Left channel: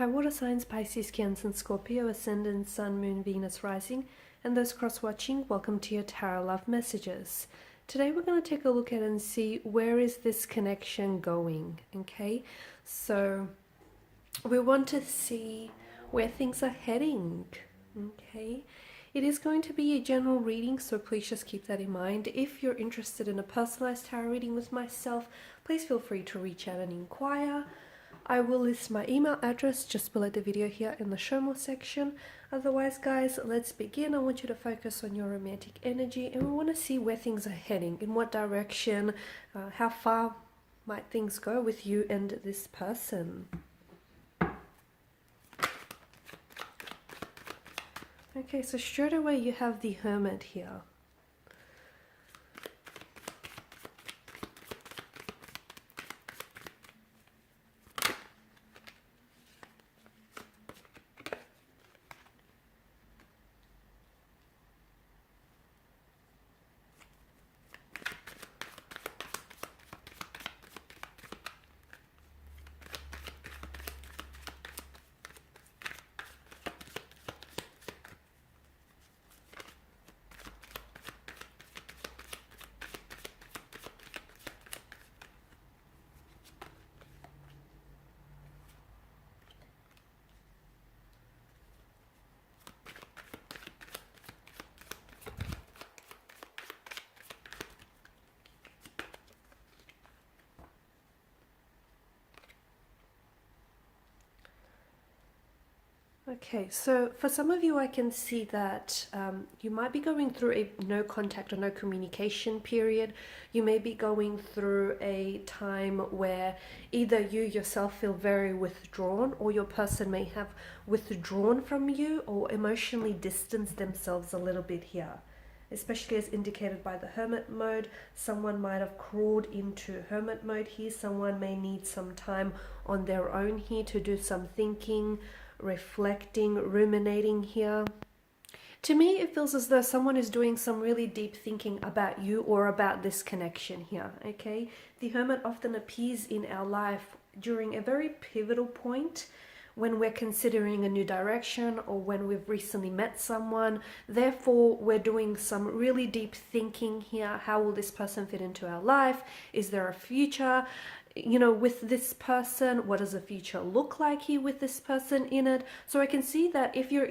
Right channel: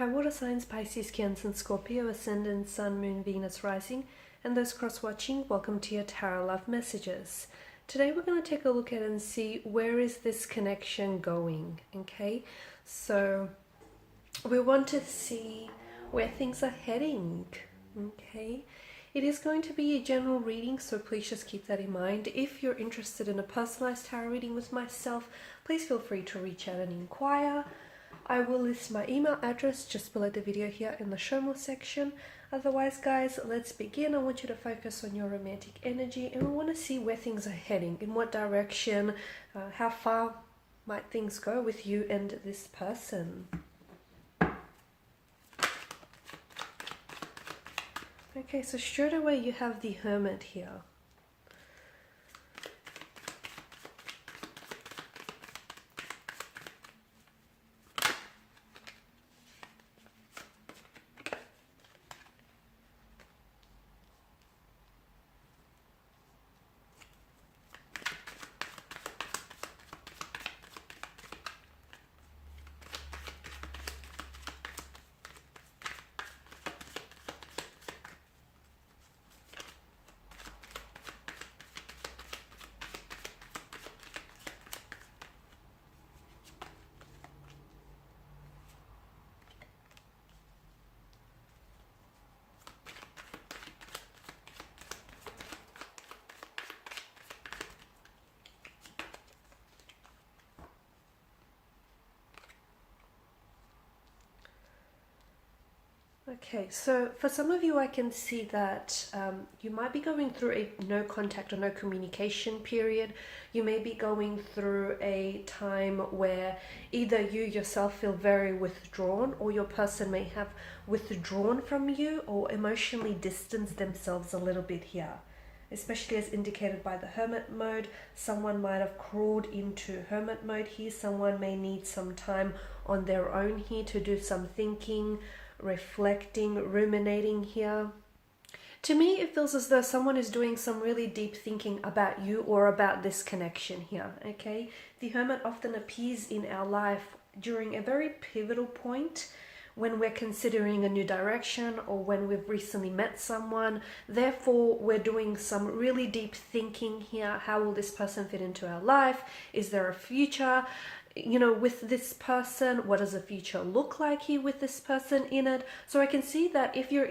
Hi, water signs, Pisces, Cancer, and Scorpio, Ascendant, Sun, Moon, Venus, Rising, and those cross-watching, welcome to your Tarot Love Messages. Today we're going to take a look at and see where is this connection going, okay? So we want to see where things are heading, okay? It is going to be a general reading, so please just keep that in mind. If you're interested in a personalized tarot reading with myself, please feel free to reach out and inquire. I will list my email address just below the video here in the show more section. Otherwise, guys, let's begin. I want you to focus on your romantic energy, and we want to see where things are heading, in what direction, how far might things go with you and this person. Okay, so straight away you have the Hermit here. Okay, so for some of you, I can see that you might be going through a no contact or no communication period. You may be going through a time where either you yourself feel very withdrawn, or your person may have withdrawn from you or emotionally distanced themselves a little bit here. Especially as indicated by the Hermit mode, someone might have crawled into Hermit mode here. Someone may need some time on their own here to do some thinking, reflecting, ruminating here. To me, it feels as though someone is doing some really deep thinking about you or about this connection here, okay? The Hermit often appears in our life during a very pivotal point when we're considering a new direction or when we've recently met someone. Therefore, we're doing some really deep thinking here. How will this person fit into our life? Is there a future, with this person? What does the future look like here with this person in it? So I can see that if your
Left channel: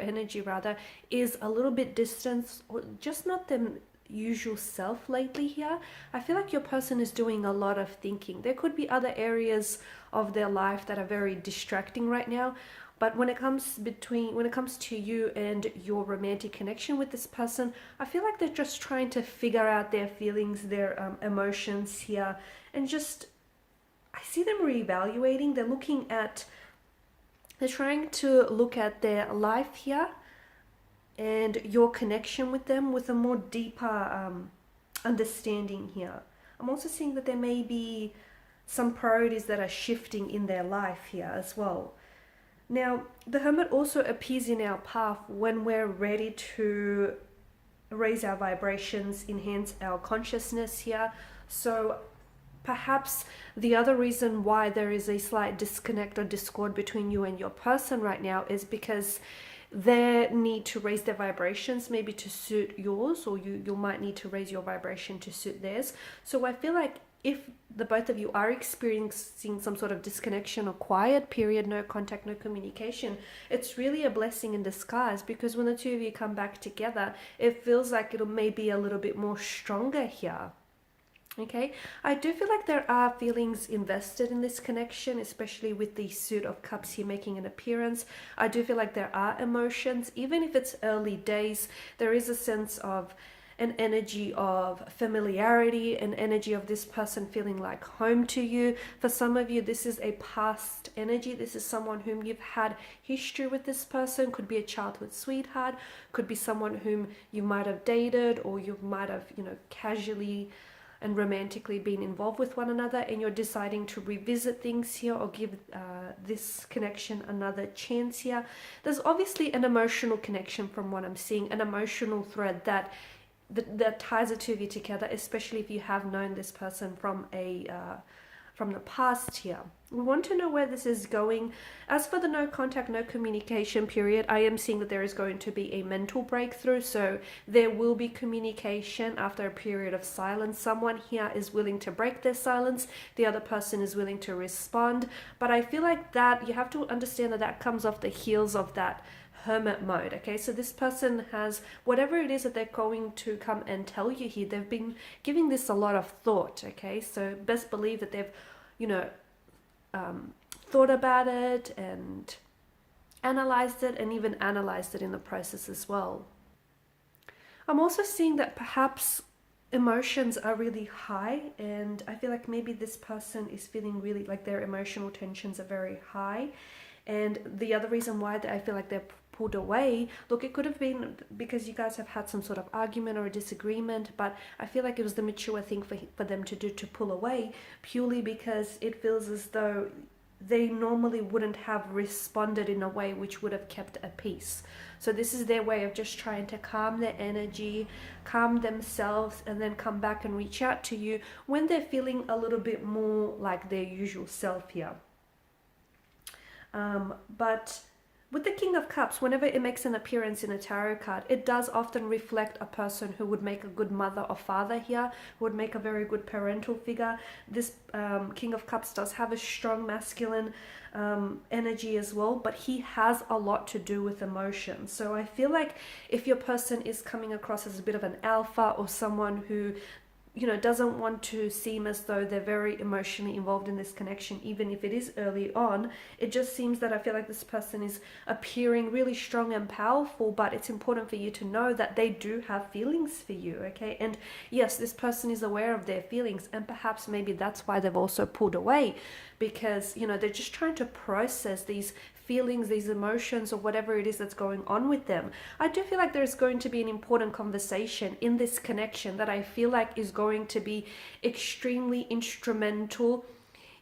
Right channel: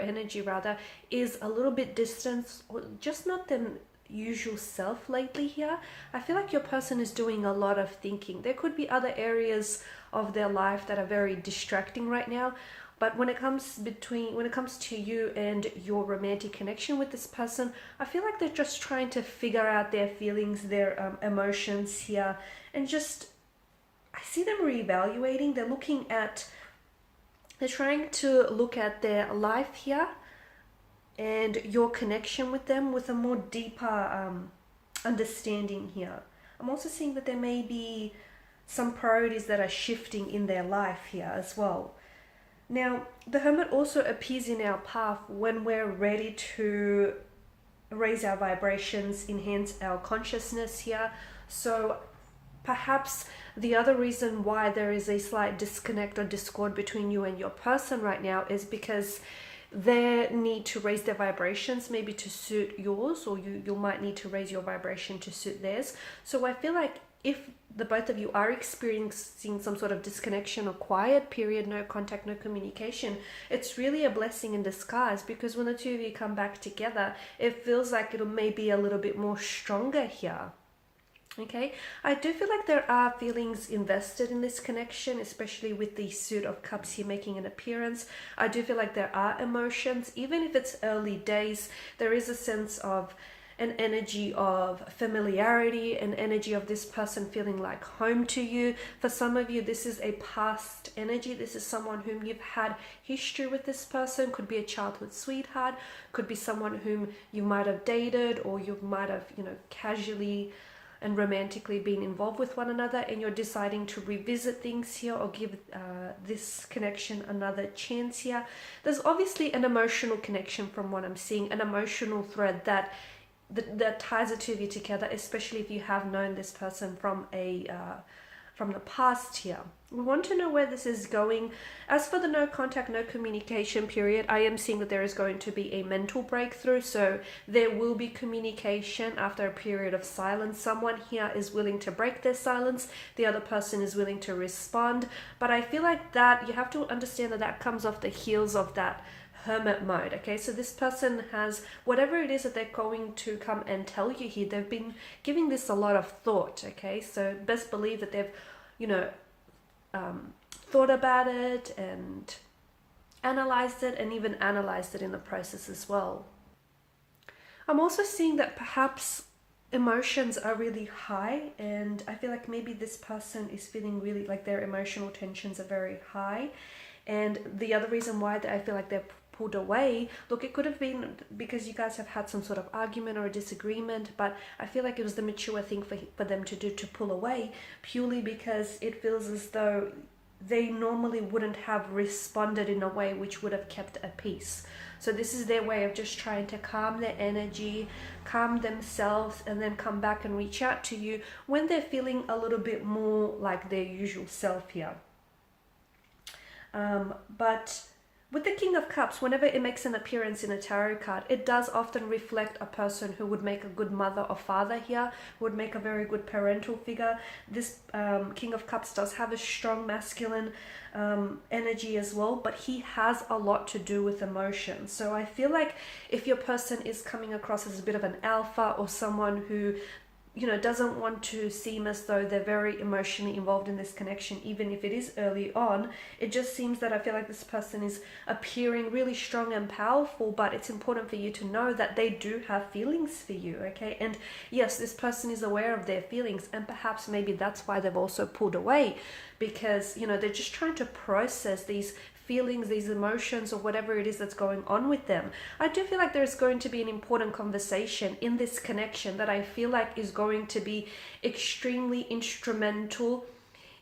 energy rather is a little bit distant or just not the usual self lately here, I feel like your person is doing a lot of thinking. There could be other areas of their life that are very distracting right now. But when it comes to you and your romantic connection with this person, I feel like they're just trying to figure out their feelings, their emotions here, and just, I see them reevaluating. They're trying to look at their life here and your connection with them with a more deeper understanding here. I'm also seeing that there may be some priorities that are shifting in their life here as well. Now, the Hermit also appears in our path when we're ready to raise our vibrations, enhance our consciousness here. So perhaps the other reason why there is a slight disconnect or discord between you and your person right now is because they need to raise their vibrations maybe to suit yours, or you might need to raise your vibration to suit theirs. So I feel like if the both of you are experiencing some sort of disconnection or quiet period, no contact, no communication, it's really a blessing in disguise, because when the two of you come back together, it feels like it'll maybe a little bit more stronger here. Okay, I do feel like there are feelings invested in this connection, especially with the Suit of Cups here making an appearance. I do feel like there are emotions, even if it's early days. There is a sense of an energy of familiarity, an energy of this person feeling like home to you. For some of you, this is a past energy. This is someone whom you've had history with. This person could be a childhood sweetheart, could be someone whom you might have dated, or you might have, casually and romantically been involved with one another, and you're deciding to revisit things here or give this connection another chance here. There's obviously an emotional connection from what I'm seeing, an emotional thread that ties the two of you together, especially if you have known this person from a from the past here. We want to know where this is going. As for the no contact, no communication period, I am seeing that there is going to be a mental breakthrough. So there will be communication after a period of silence. Someone here is willing to break their silence. The other person is willing to respond. But I feel like that you have to understand that that comes off the heels of that hermit mode. Okay, so this person has whatever it is that they're going to come and tell you here, they've been giving this a lot of thought. Okay, so best believe that they've, you know, thought about it and analyzed it, and even analyzed it in the process as well. I'm also seeing that perhaps emotions are really high, and I feel like maybe this person is feeling really like their emotional tensions are very high. And the other reason why I feel like they're pulled away, look, it could have been because you guys have had some sort of argument or a disagreement, but I feel like it was the mature thing for them to do, to pull away, purely because it feels as though they normally wouldn't have responded in a way which would have kept a peace. So this is their way of just trying to calm their energy, calm themselves, and then come back and reach out to you when they're feeling a little bit more like their usual self here. But with the King of Cups, whenever it makes an appearance in a tarot card, it does often reflect a person who would make a good mother or father here, who would make a very good parental figure. This King of Cups does have a strong masculine energy as well, but he has a lot to do with emotion. So I feel like if your person is coming across as a bit of an alpha, or someone who, you know, doesn't want to seem as though they're very emotionally involved in this connection, even if it is early on, it just seems that I feel like this person is appearing really strong and powerful, but it's important for you to know that they do have feelings for you, okay? And yes, this person is aware of their feelings, and perhaps maybe that's why they've also pulled away, because, you know, they're just trying to process these feelings, these emotions, or whatever it is that's going on with them. I do feel like there's going to be an important conversation in this connection that I feel like is going to be extremely instrumental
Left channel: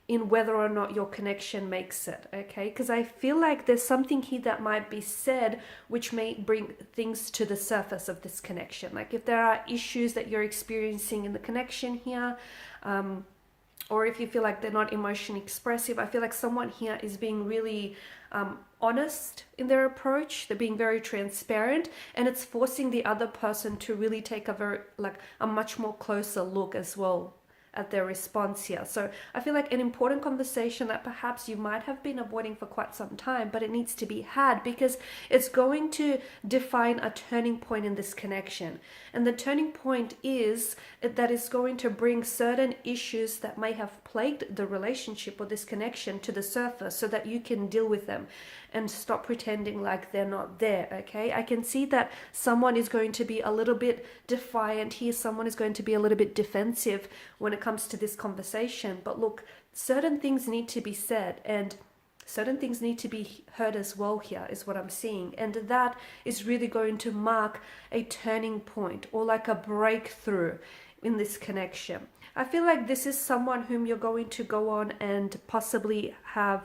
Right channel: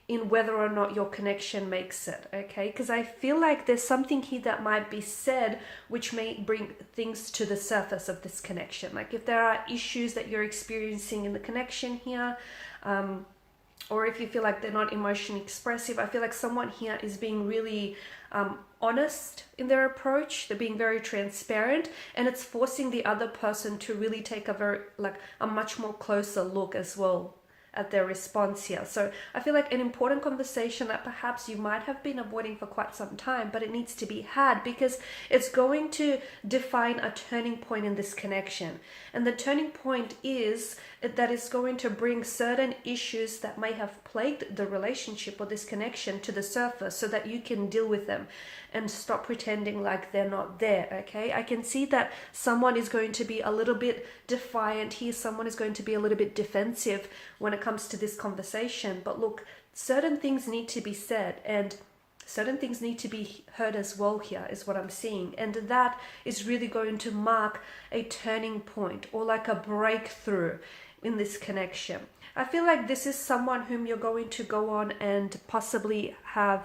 in whether or not your connection makes it, okay? Because I feel like there's something here that might be said which may bring things to the surface of this connection. Like if there are issues that you're experiencing in the connection here, or if you feel like they're not emotionally expressive, I feel like someone here is being really honest in their approach. They're being very transparent, and it's forcing the other person to really take a much more closer look as well at their response here. So I feel like an important conversation that perhaps you might have been avoiding for quite some time, but it needs to be had, because it's going to define a turning point in this connection. And the turning point is that it's going to bring certain issues that may have plagued the relationship or this connection to the surface, so that you can deal with them and stop pretending like they're not there, okay? I can see that someone is going to be a little bit defiant here. Someone is going to be a little bit defensive when it comes to this conversation. But look, certain things need to be said, and certain things need to be heard as well here, is what I'm seeing. And that is really going to mark a turning point, or like a breakthrough in this connection. I feel like this is someone whom you're going to go on and possibly have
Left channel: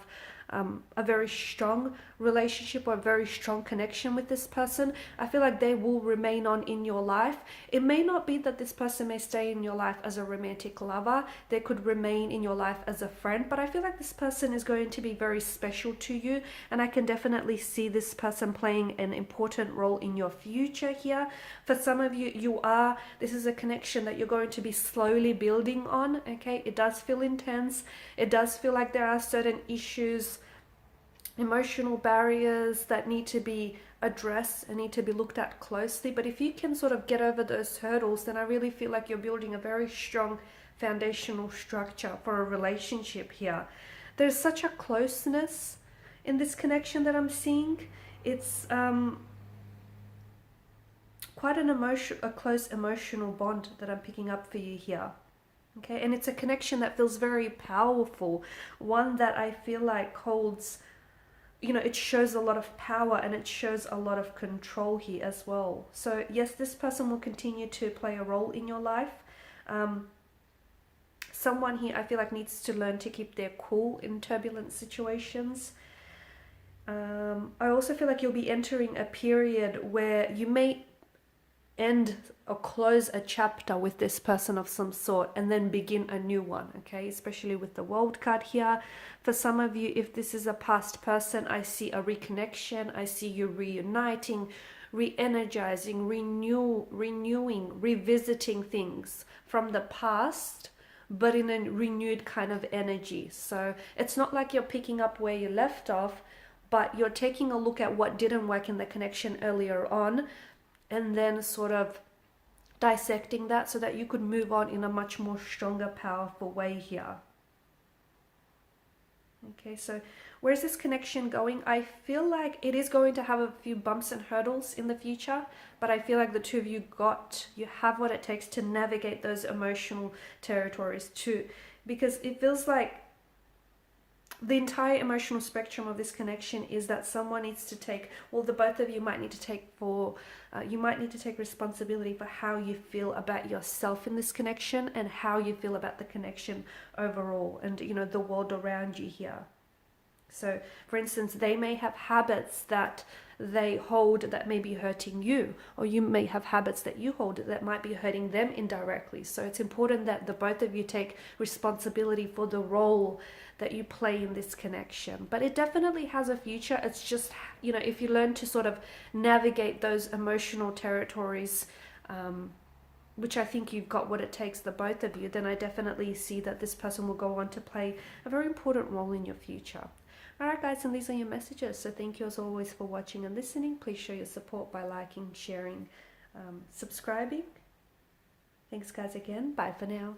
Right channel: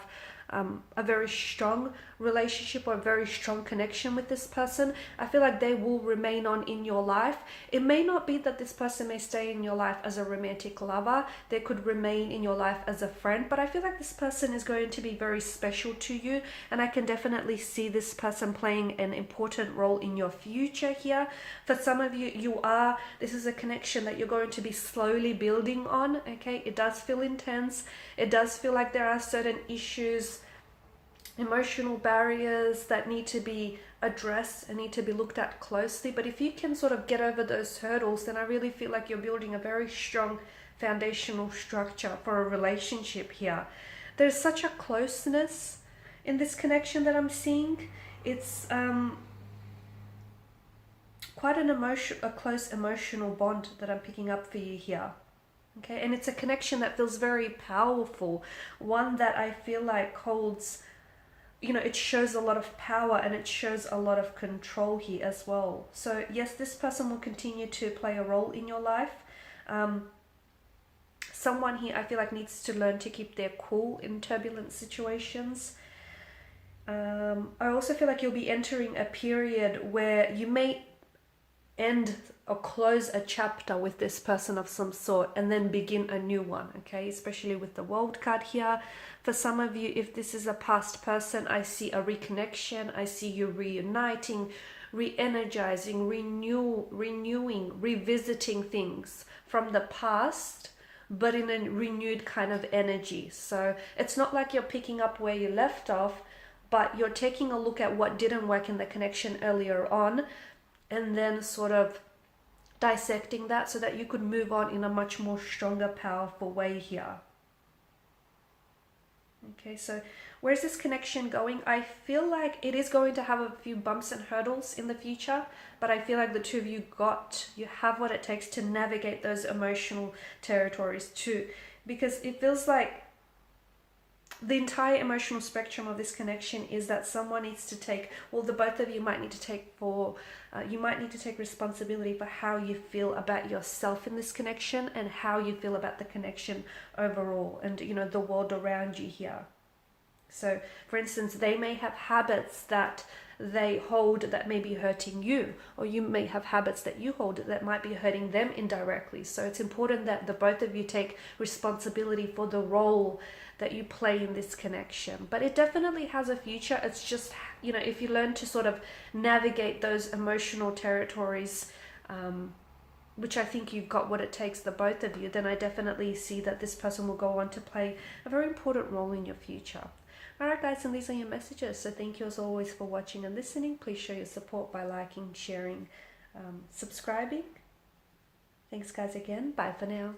a very strong relationship or a very strong connection with this person. I feel like they will remain on in your life. It may not be that this person may stay in your life as a romantic lover. They could remain in your life as a friend, but I feel like this person is going to be very special to you, and I can definitely see this person playing an important role in your future here. For some of you, this is a connection that you're going to be slowly building on, okay? It does feel intense. It does feel like there are certain issues, emotional barriers that need to be addressed and need to be looked at closely. But if you can sort of get over those hurdles, then I really feel like you're building a very strong foundational structure for a relationship here. There's such a closeness in this connection that I'm seeing. It's quite a close emotional bond that I'm picking up for you here. Okay, and it's a connection that feels very powerful, one that I feel like holds, you know, it shows a lot of power and it shows a lot of control here as well. So yes, this person will continue to play a role in your life. Someone here I feel like needs to learn to keep their cool in turbulent situations. I also feel like you'll be entering a period where you may end or close a chapter with this person of some sort and then begin a new one, okay? Especially with the World card here. For some of you, if this is a past person, I see a reconnection. I see you reuniting, re-energizing, renewing, revisiting things from the past, but in a renewed kind of energy. So it's not like you're picking up where you left off, but you're taking a look at what didn't work in the connection earlier on, and then sort of dissecting that so that you could move on in a much more stronger, powerful way here. Okay, so where's this connection going? I feel like it is going to have a few bumps and hurdles in the future, but I feel like the two of you have what it takes to navigate those emotional territories too, because it feels like the entire emotional spectrum of this connection is that someone needs to take, well, the both of you might need to take responsibility for how you feel about yourself in this connection and how you feel about the connection overall and, you know, the world around you here. So, for instance, they may have habits that they hold that may be hurting you, or you may have habits that you hold that might be hurting them indirectly. So it's important that the both of you take responsibility for the role that you play in this connection. But it definitely has a future. It's just, you know, if you learn to sort of navigate those emotional territories, which I think you've got what it takes, the both of you, then I definitely see that this person will go on to play a very important role in your future. Alright guys, and these are your messages. So thank you as always for watching and listening. Please show your support by liking, sharing, subscribing. Thanks guys again. Bye for now.